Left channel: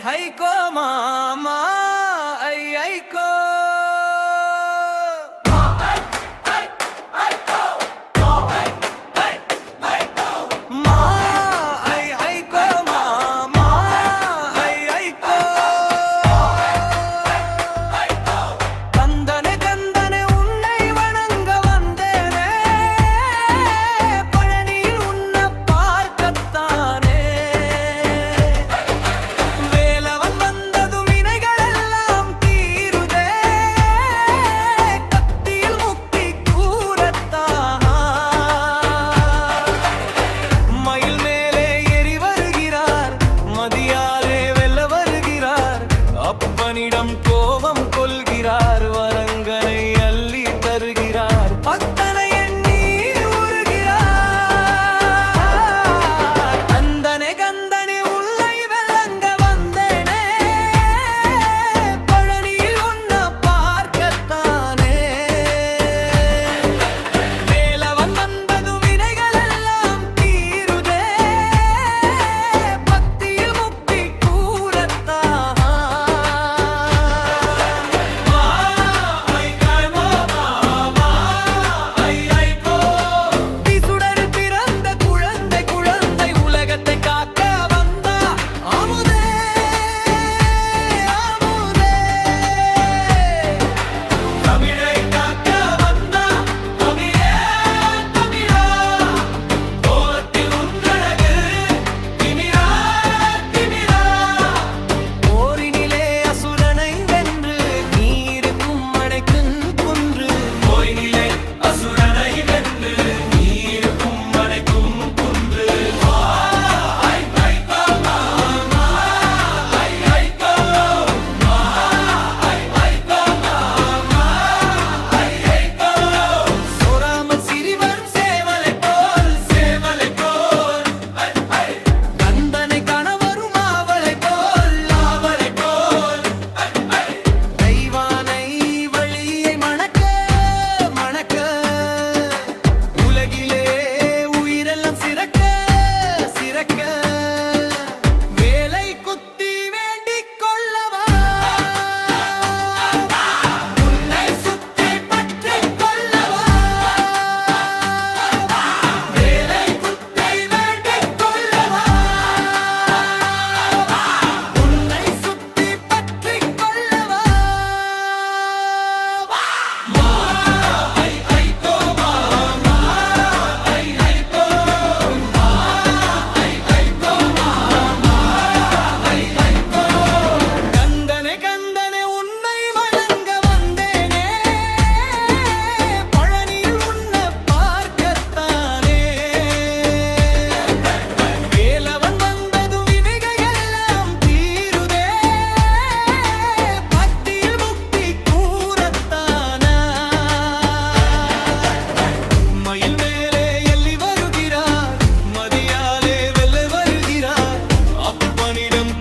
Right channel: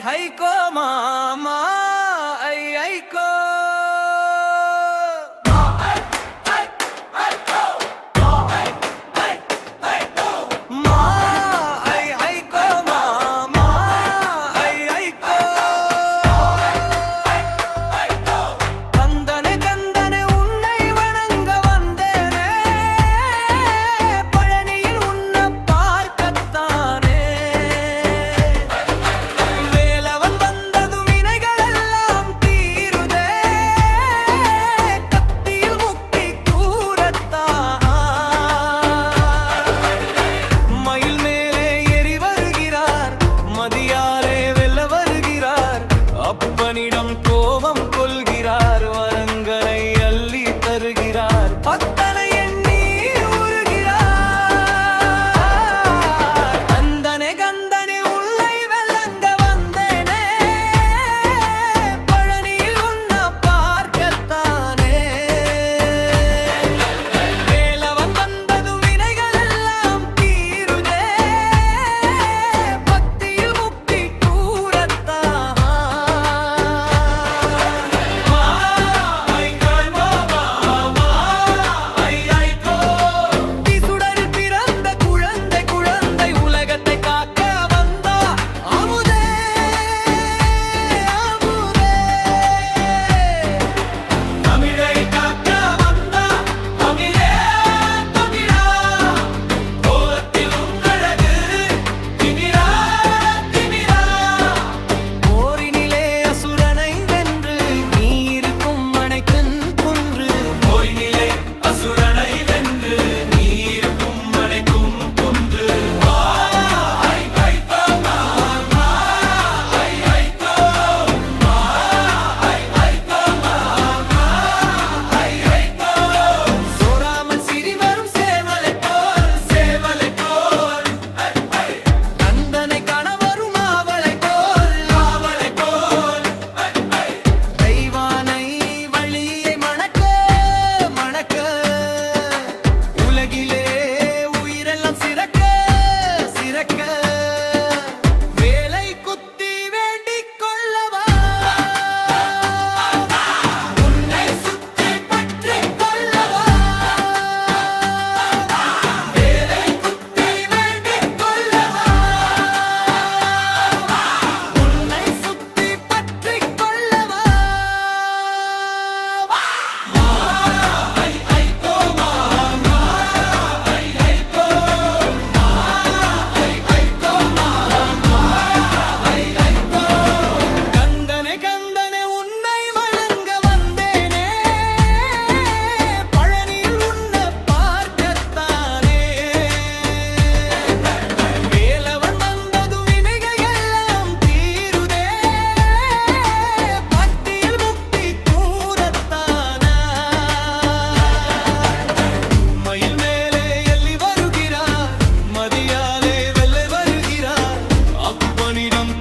ஹைகோ மாமா ஐகோ மதியாலே வெல்ல வருகிறார் அப்பனிடம் கோபம் கொள்கிறார் வரங்களை அள்ளி தருகிறார் பத்தனை எண்ணி உருகிறார் அந்தனை கந்தனை உள்ளை வெல்லங்க வந்தேனே பழனியில் உன்ன பார்க்கத்தானே வேலவன் வந்தது வினைகள் எல்லாம் தீருதே வேலை குத்தி வேண்டிக் கொள்ளவா உன்னை சுத்தி பற்றி கொள்ளவா வேலை குத்தி வேண்டிக் கொள்ளவா உன்னை சுத்தி பற்றி கொள்ளவா மயில் மேலே எள்ளி வருகிறார் மதியாலே வெல்ல வருகிறார் அப்பனிடம்